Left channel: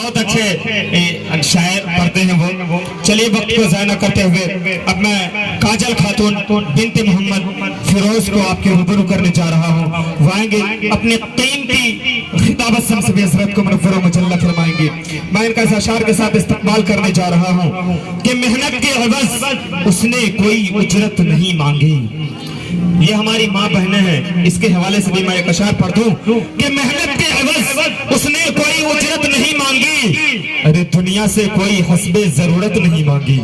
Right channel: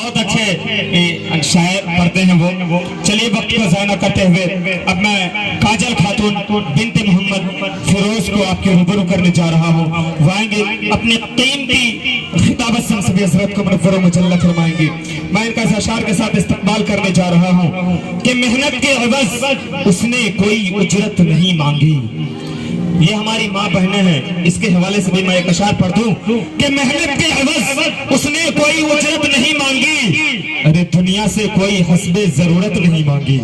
बहुत अच्छे शायर पढ़ते हैं वो। चलिए वक्त को ज़ाया न करते हुए अब मैं काजल खातून बिनते मोहम्मद फिरोज को आपके रूबरू करने जा रहा हूँ। वो आएंगे अपने कीमती खिताबत से सभी हज़रत को मुनव्वर व मुजल्ला फरमाएंगे। मैं इनका इस अशार के साथ इस्तकबाल करने जा रहा हूँ कि मेहनत के एवज़ उसने कोई उजरत नहीं मांगी। ये हमारी माँ बहनें हैं, इसके हवाले से भी मैं एक अशार पढ़ दूं कि मेहनत के एवज़ उसने कोई उजरत नहीं मांगी, अरे दुनिया से कोई हस्बे जरूरत नहीं मांगी।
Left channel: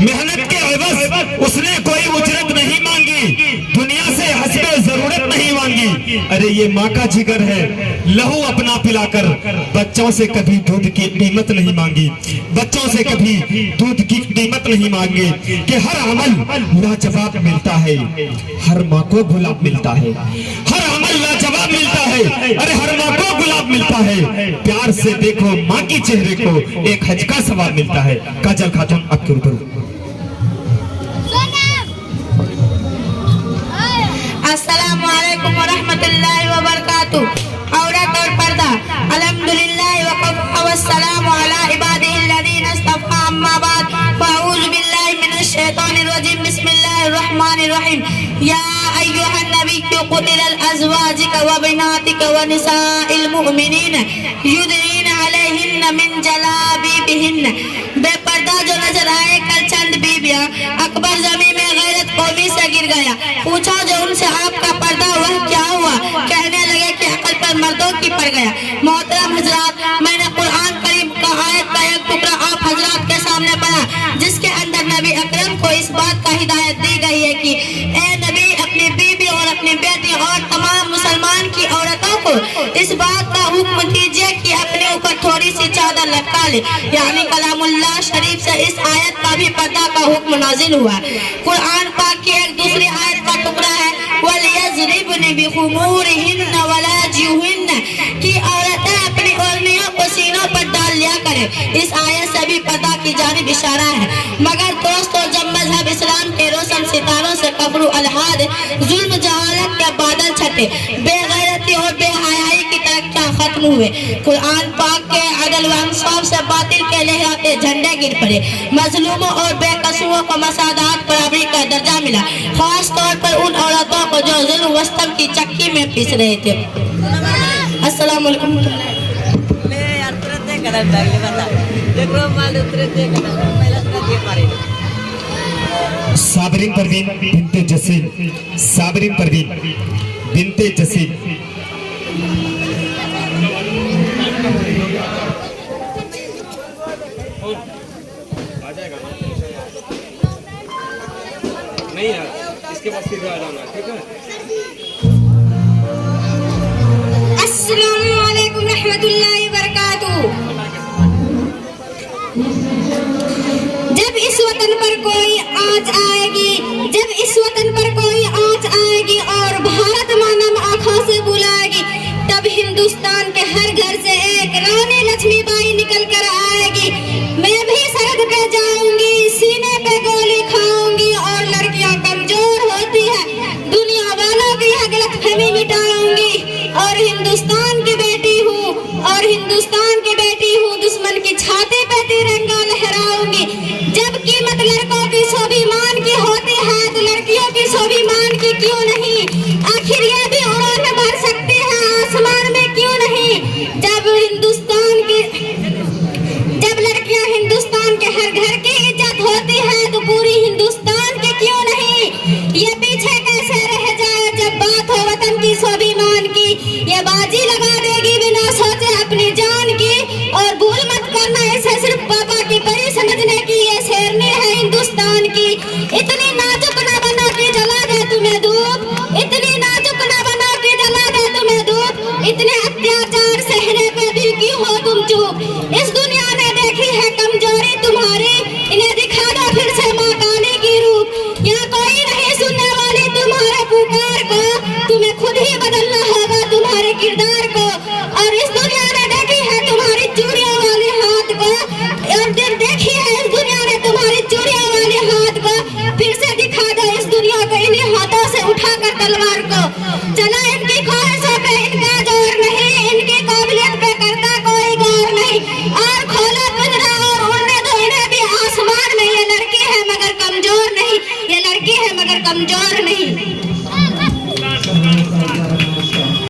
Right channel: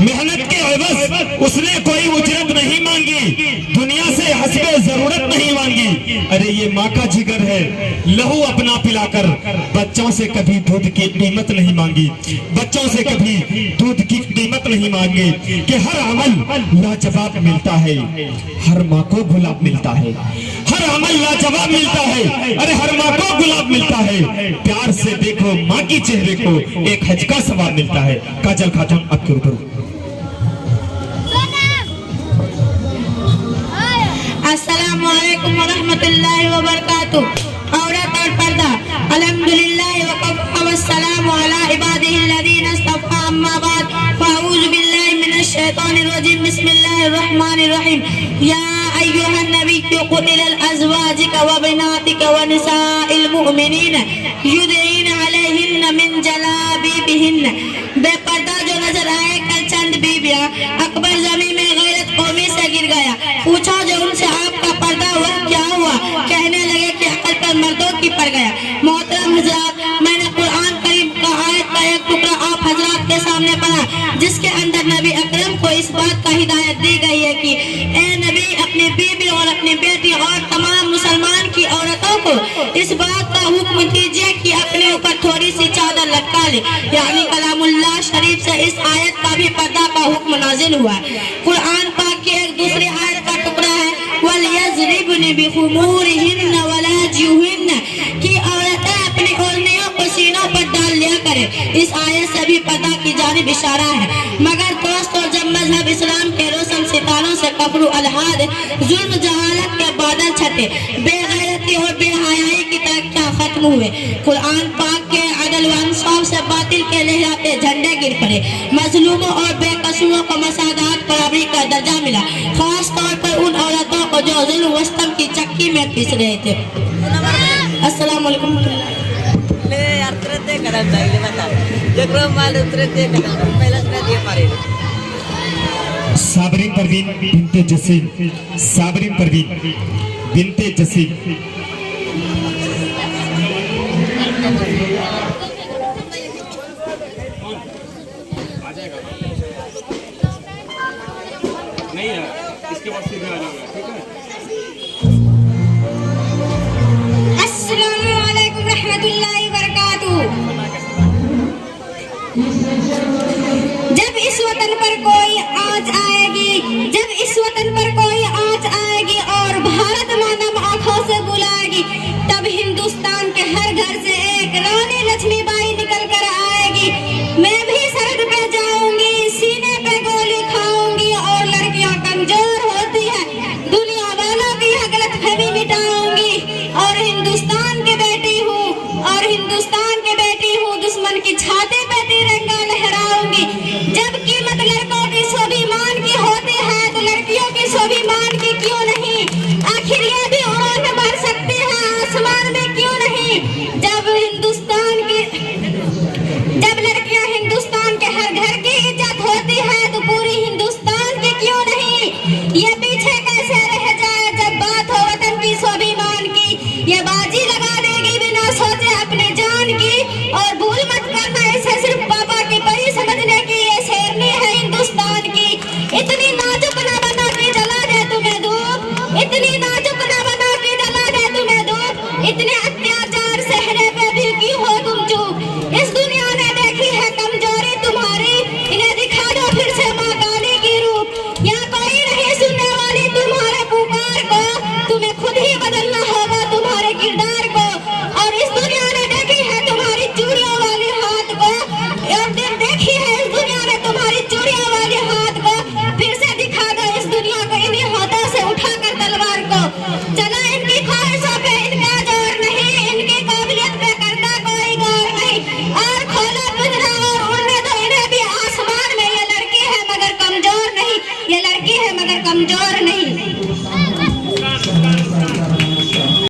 मेहनत के एवज़ उसने कोई उजरत नहीं मांगी, दुनिया से हस्बे जरूरत नहीं मांगी। अरे ये माँ का जिगर है, लहू अपना पिलाकर बच्चों से कभी दूध की कीमत नहीं मांगी, बच्चों से कभी दूध की कीमत नहीं मांगी। कि हर अमल लाजवाब मिलता है, हर माँ को गुलाब मिलता है, हर अमल लाजवाब मिलता है, अरे हर माँ को गुलाब मिलता है। प्यार से देखो माँ की चेहरे को, एक हज का सवाब मिलता है। काजल खातून आपके ऊपर। अस्सलामुअलैकुम वरहमतुल्लाहि वबरकातुहू। औरत और पर्दा। अल्हम्दुलिल्लाह वकफ़ा वस्सलामु अला इबादिहिल्लज़ीना इस्तफ़ा, अम्मा बाद, फ़अऊज़ु बिल्लाहि मिनश शैतानिर रजीम, बिस्मिल्लाहिर रहमानिर रहीम। या अय्युहन नबिय्यु कुतिला अज़वाजुका व बनातिका व निसाइल मुमिनीन युदनीना अलैहिन्ना मिन जलाबिबिहिन्ना। बेपर्दा जो नजर आए कल चंद बीबियां, अकबर ज़मीन में गैरत कौमी से गिर गया। पूछा जो उनसे आपका पर्दा वह क्या हुआ? कहने लगे कि अकल पर मर्दों की पड़ गया। मोहतरम हजरात, मैंने कुरान करीम का आयत का एक टुकड़ा आप हजरात के सामने पढ़ा, जिसके अंदर नबी अकरम को इस बात का हिदायत दी गई है कि ए नबी, अपनी बीबी और अपनी बेटी और तमाम मुसलमान की औरतों को इस बात का हुक्म दीजिए कि अपने ऊपर थोड़ी सी चादर लटका ले। यानी कलामुल्लाह शरीफ से इस आयत का भी पर्दा का हुक्म नाजिल हुआ। कुरान पाक की एक दूसरी आयत का टुकड़ा है, वलयज़रिबन बिखुमूरिहिन्न वला जुहिन्न, कि औरतें अपनी ओढ़नियों को सीनों पर डाल लिया करें। इस आयत से भी पर्दा की जानिब इशारा है। मगर दोस्तों, जब मजहब इस्लाम के रोशन सितारों से कब्र अलहाद जुल्म जहालत के बादल छटे, बेगैरती और बेहयाई की तरक्कियां खत्म हुए, कुरान पाक के अदल व इंसाफ से बातिल के लहराते झंडे गिर पड़े, मजलूमों और बेकसूरों को मसादात बराबरी का दर्जा मिला, खास तौर पर उन औरतों को जो जुल्म व सितम की चक्की में पीस रहे थे। अस्सलाम वालेकुम। साबरीन परवीन बिनते जसीम, साबरीन परवीन बिनते जसीम। आ जाएगा ना? नहीं यार, इसके बाद फिर आ जाऊंगा, ठीक है? अस्सलामु अलैकुम रहमतुल्लाहि व बरकातुहू। जब इस वतन पर कोई आँच आएगी, जब इस वतन पर कोई आँच आएगी और भारत मानम आँखों से बुलाएगी, तब हिंदुस्तान के हर घर से एक रानी लक्ष्मीबाई निकल कर आएगी। मैं भी सरहद पे जाऊंगी, सीने पे गोली खाऊंगी, और लड़कियां कमजोर होती है, दुनिया वालों की यह गलतफहमी मिटाऊंगी, और हिंदुस्तान की बेटी हूँ, और हिंदुस्तान की बेटी हूँ, दुश्मन की छाती पे तिरंगा लहराऊंगी। जब कीमत लड़कों की स्वाभिमान की होती है, तो लड़कियों की स्वाभिमान की क्यों नहीं? आखिर ये भी उड़ान भर सकते हैं आसमान में, क्यों नहीं? जब लड़कियां हिंदुस्तान के हर घर की इज्जत होती है, तो पूरी हिंदुस्तान की क्यों नहीं? ये पीछे कैसे रह जाए जब बात हो वतन की स्वाभिमान की? ये बाजी लगा देगी बिना सोचे अपनी जान की, और भूल मत करना इसे सिर्फ पापा की परी समझने की, ये शेरनी है हिंदुस्तान की। इतनी नाजुक ना बना के जला दे तुम्हें धूप, इतनी नाजुक ना बना के जला दे तुम्हें धूप, इतने अत्याचार सहने पे भी क्यों हो तुम चुप? इस दुनिया ने देखी है कमजोरी तुम्हारी, इन्हें दिखा दो फिर से माँ काली की रूप। यहाँ कोई नहीं सुनने वाली तुम्हारे पुकार को, तुम्हें खुद ही बदलना होगा तुम्हारे किरदार को। और इस दुनिया ने देखी है तुम्हारी चूड़ियों वाली हाथ को, और देखी है इस दुनिया ने तुम्हारी चूड़ियों वाली हाथ को, फिर से दिखा दो इस दुनिया को इन्हीं हाथों से उठाकर तलवार को। चला इनकी ख्वाहिशों पे इनका जोर नहीं, इनकी काबिलियत पे करता कोई गौर नहीं। कमजोर नहीं।